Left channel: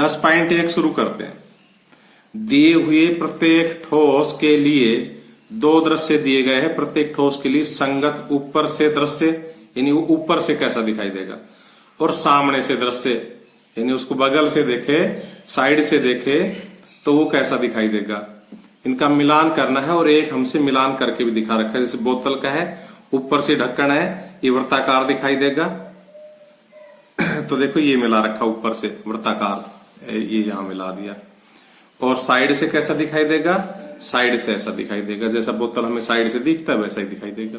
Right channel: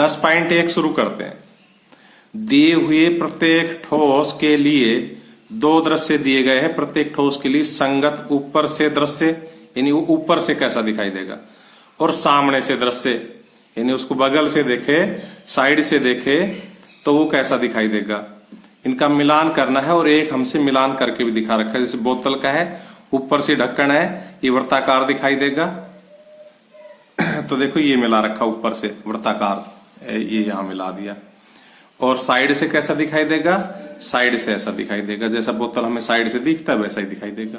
10.1 शुरू करते हैं। दिए हुए प्रत्येक ठोस के लिए दो दृश्य दिए गए हैं। प्रत्येक ठोस के लिए संगत ऊपर से दृश्य, यानी वो ऊपर से कैसा दिखाई देगा, और सामने से दृश्य, यानी उसको बगल से देखे, साइड से देखे तो वो कैसा दिखाई देगा। इनका मिलान करना है और एक हमसे मिलान करके भी दिखा रखा है। जैसे बोतल का है, ऊपर से ढक्कन है, ये वृत्ताकार दिखाई देगा। तो देखो ये मिला रखा ऊपर से वृत्ताकार, ये यहां मिला दिया। और साइड से कैसा दिखाई देगा, साइड से ऐसा दिखाई देगा। जैसा बोतल हमें साइड से दिखता है वैसा ही दिखाई देगा।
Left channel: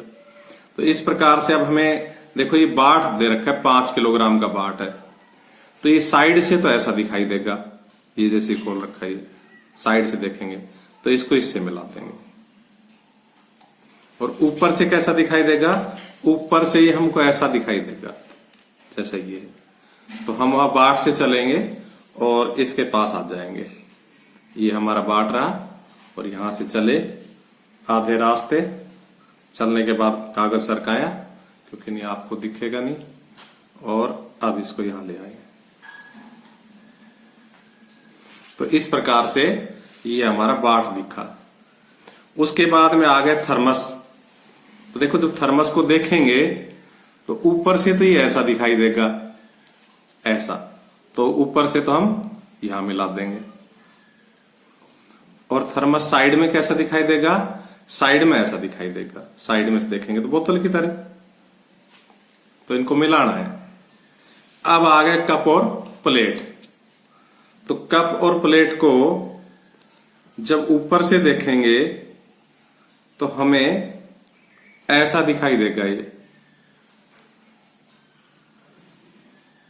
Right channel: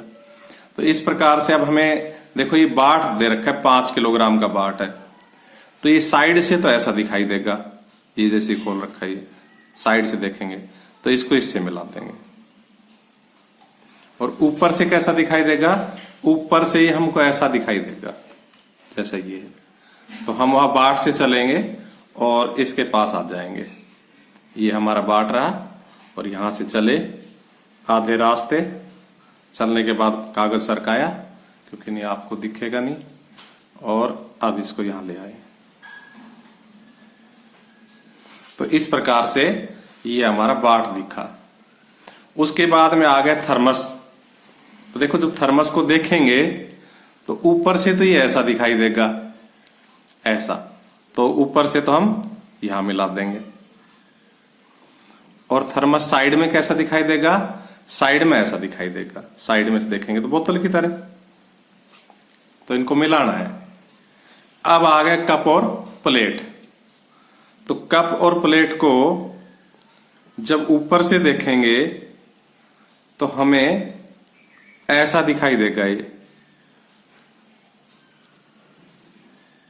तो इस प्रकार से अब हमें देखो ये बाट दे रखा है, 5 किलोग्राम का बाट है, तो ये साइड से तो ऐसा दिखाई देगा। ये जैसे खोल रखा है, साइड से देखेंगे तो इसको इससे मिला देंगे। और ऊपर से कैसा दिखाई देगा, ऊपर से ये हमको ऐसा दिखाई देगा जैसा ये है। तो हम वहां बाट से चलेंगे और इसके पास आ जाएंगे। ये हमारा बाट रहा और यहां से चले आधे रास्ते, चलने के बाद कागज सरकाया क्योंकि नहीं आपको दिखेगा नहीं, और अब इसको यहां ले आए। तो इस प्रकार से ये हमारा बाट दिखा। उसके बाद में आ गए थर्मस। तो देखो जब थर्मस को देखेंगे तो ऊपर से तो ये ऐसा दिखाई देगा, ऐसा, तो ऊपर से तो हम यहां मिला देंगे। और थर्मस साइड में कैसा दिखाई देगा, साइड में ऐसा दिखाई देगा। साइड में से देखेंगे तो बोतल की तरह, तो इनको मिलाना है। अब आ गए कप और प्लेट। तो कप और प्लेट को जब ऊपर से देखेंगे तो हमें ऐसा दिखाई देगा ये,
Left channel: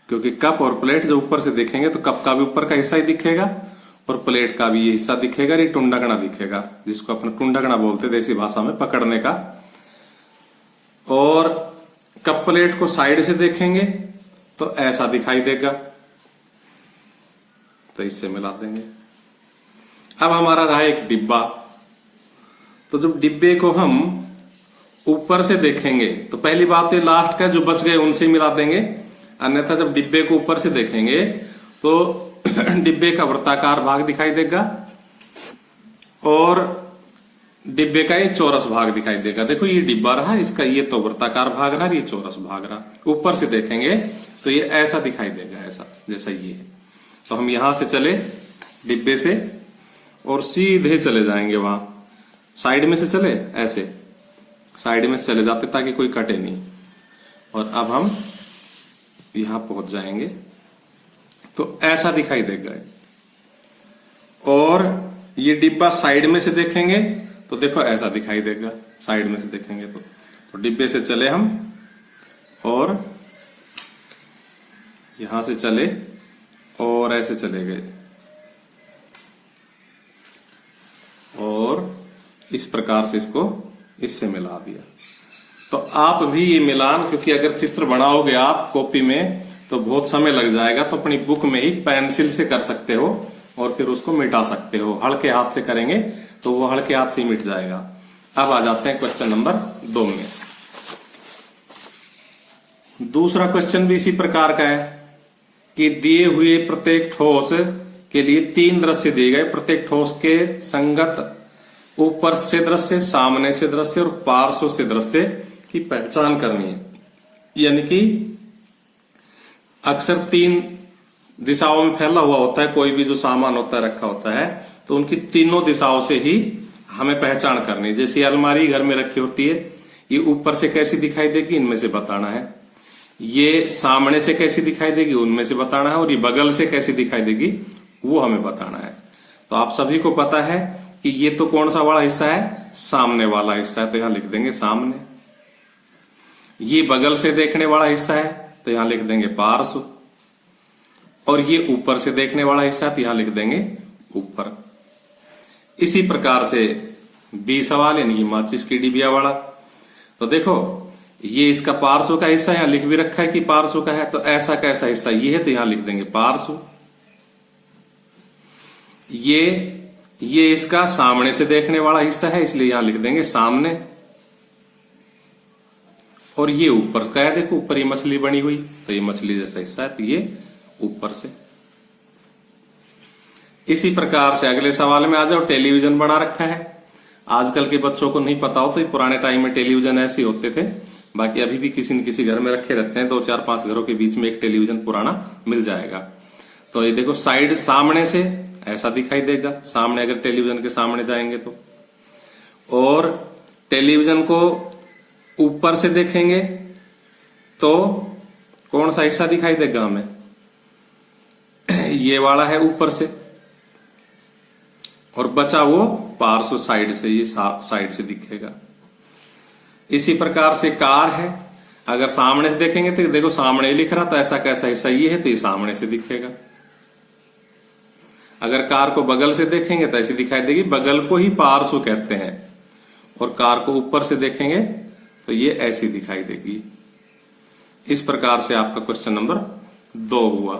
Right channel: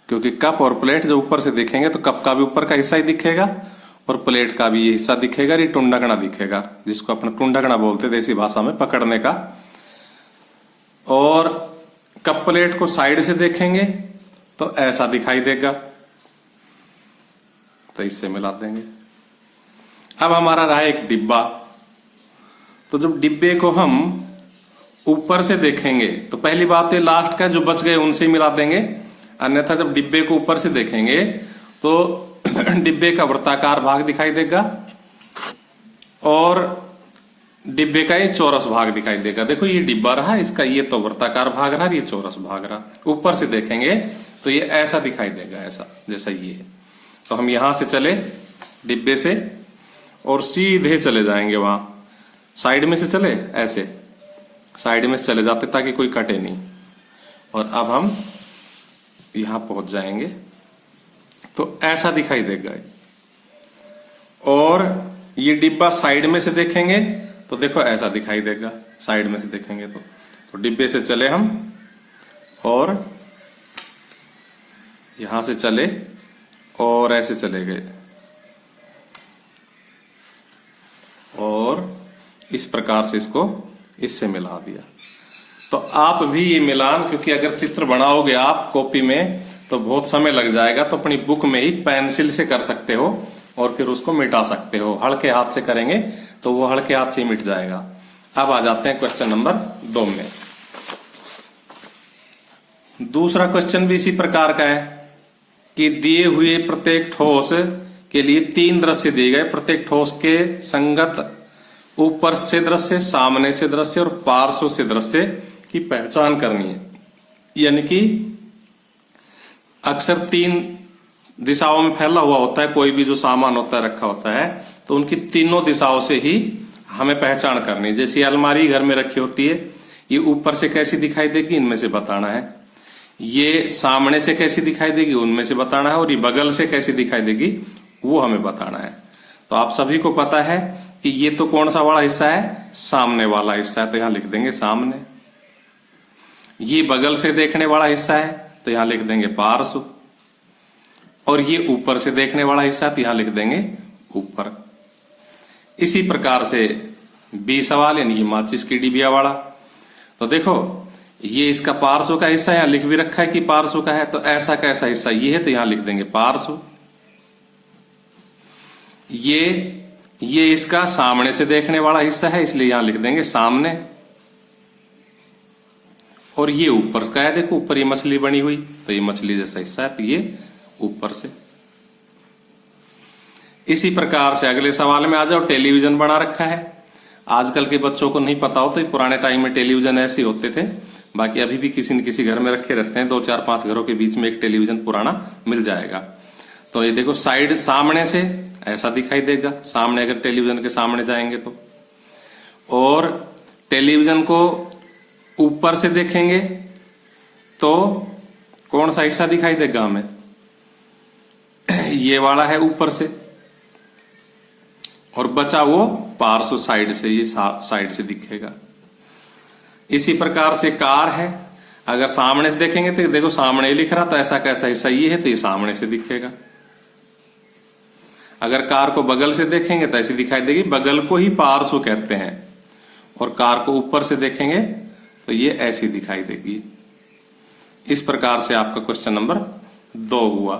क्योंकि कप और प्लेट जब ऊपर से देखेंगे तो कप का भी ऊपर का हिस्सा ही दिखेगा और प्लेट का भी ये हिस्सा दिखेगा, ये टुंडकना दिखेगा, जिसको अपने टुंडकना बोलते देसी भाषा में, पकड़ने का। और कप प्लेट को साइड से देखेंगे तो ऐसा दिखाई देगा, तो इससे मिला देंगे। अब हमारा रहा एक डिब्बा। तो जब डिब्बे को हम ऊपर से देखेंगे तो पहली बात तो लास्ट का जो बच गए उनसे ही मिला देंगे, अन्यथा जब डिब्बे को ऊपर से देखेंगे तो डिब्बे का वृत्ताकार भाग दिखाई देगा और डिब्बे का ये चौरस भाग दिखाई देगा। देखो ये डिब्बा रहा, इसका ये तो वृत्ताकार भाग रहा, ये चौरस भाग रहा। ऊपर से देखेंगे तो ये ऐसा दिखाई देगा, ऐसा जैसा ये है। तो हम यहां से चले डिब्बे से और सीधे चले जाएंगे वहां, साइड में से चले, ऐसे साइड में से चले जाते ताकि कोई कटे नहीं। और अब हम यहां पहुंच जाएंगे तो ऐसा दिखाई देगा। और ये डिब्बा साइड में से देखेंगे तो देखो ऐसा दिखाई देगा, साइड में से देखेंगे तो डिब्बे से चले हम और यहां से चले और ऐसे चले गए और इस प्रकार से इसको इससे मिला दिया। तो आप भी ये मिलान, क्योंकि अगर चित्र बनाओगे आप कॉपी में तो बहुत समय लग जाएगा, तो अपनी बुक में ही पेंसिल से कर सकते हो और फिर उसको मिटा सकते हो। हल्के हाथ से करेंगे तो वो हल्के हाथ से ही मिट जाएगा। अब आ जाते हैं क्वेश्चन नंबर 2 में। दूसरा क्वेश्चन भी इसी प्रकार का है कि दिए हुए प्रत्येक ठोस के लिए 3 दृश्य दिए गए। प्रत्येक ठोस के संगत ऊपर से दृश्य, सामने से दृश्य और पार्श्व से दृश्य की पहचान करनी है। यानी कि अक्सर 3 दिशाओं में फैला हुआ होता है, कोई भी जो सामान होता है रखा होता है, तो उनकी तीनों दिशाओं से ही हमें पहचान करनी है। जैसे अलमारी घर में रखी होती है, ये ऊपर से कैसी दिखाई देगी, इनमें से बताना है। ये सामने से कैसी दिखाई देगी, उनमें से बताना है। और ये बगल से कैसी दिखाई देगी, वो हमें बताना है। तो आप सभी को पता है कि ये तो कौन सा वाला हिस्सा है, सामने वाला हिस्सा है, तो यहां लिख देंगे सामने। ये बगल से देखने वाला हिस्सा है तो यहां लिख देंगे पार्श्व। और ये ऊपर से देखने वाला हिस्सा है तो यहां लिख देंगे ऊपर। इसी प्रकार से बी सवाल, यानी कि माचिस की डिबिया वाला। तो देखो ये इसका पार्श्व का हिस्सा यहां लिख भी रखा है कि पार्श्व का है, तो ऐसा कैसा हिस्सा ये है तो यहां लिख देंगे पार्श्व। ये इसका सामने से देखने वाला हिस्सा है, इसलिए यहां लिख देंगे सामने। और ये ऊपर का है, देखो ऊपर ये मछली बनी हुई, तो ये मछली जैसा हिस्सा है, तो ये ऊपर से। इसी प्रकार से अगले सवाल में आ जाओ। टेलीविजन बना रखा है। आजकल के बच्चों को नहीं पता होता, पुराने टाइम में टेलीविजन ऐसे होते थे। बाकी अभी भी किसी न किसी घर में रखे रहते हैं। 2-4-5 घरों के बीच में एक टेलीविजन पुराना मिल जाएगा। तो ये देखो, साइड सामने से ऐसा दिखाई देगा, सामने अगर टेलीविजन के सामने जाएंगे तो। और टेलीविजन को ऊपर से देखेंगे तो कौन सा हिस्सा दिखाई देगा हमें? ये वाला है ऊपर से, और बचा वो पार्श्व साइड से, ये साइड से दिखेगा। इसी प्रकार से कार है, अगर सामने से देखेंगे तो देखो सामने लिख रहा, तो ऐसा कैसा हिस्सा ये है, तो ये सामने से दिखेगा। अगर कार को बगल से देखेंगे तो ऐसी दिखाई देगी, बगल को ही पार्श्व कहते हैं। और कार को ऊपर से देखेंगे तो ये ऐसी दिखाई देगी। इस प्रकार से आपका क्वेश्चन नंबर 2 हुआ।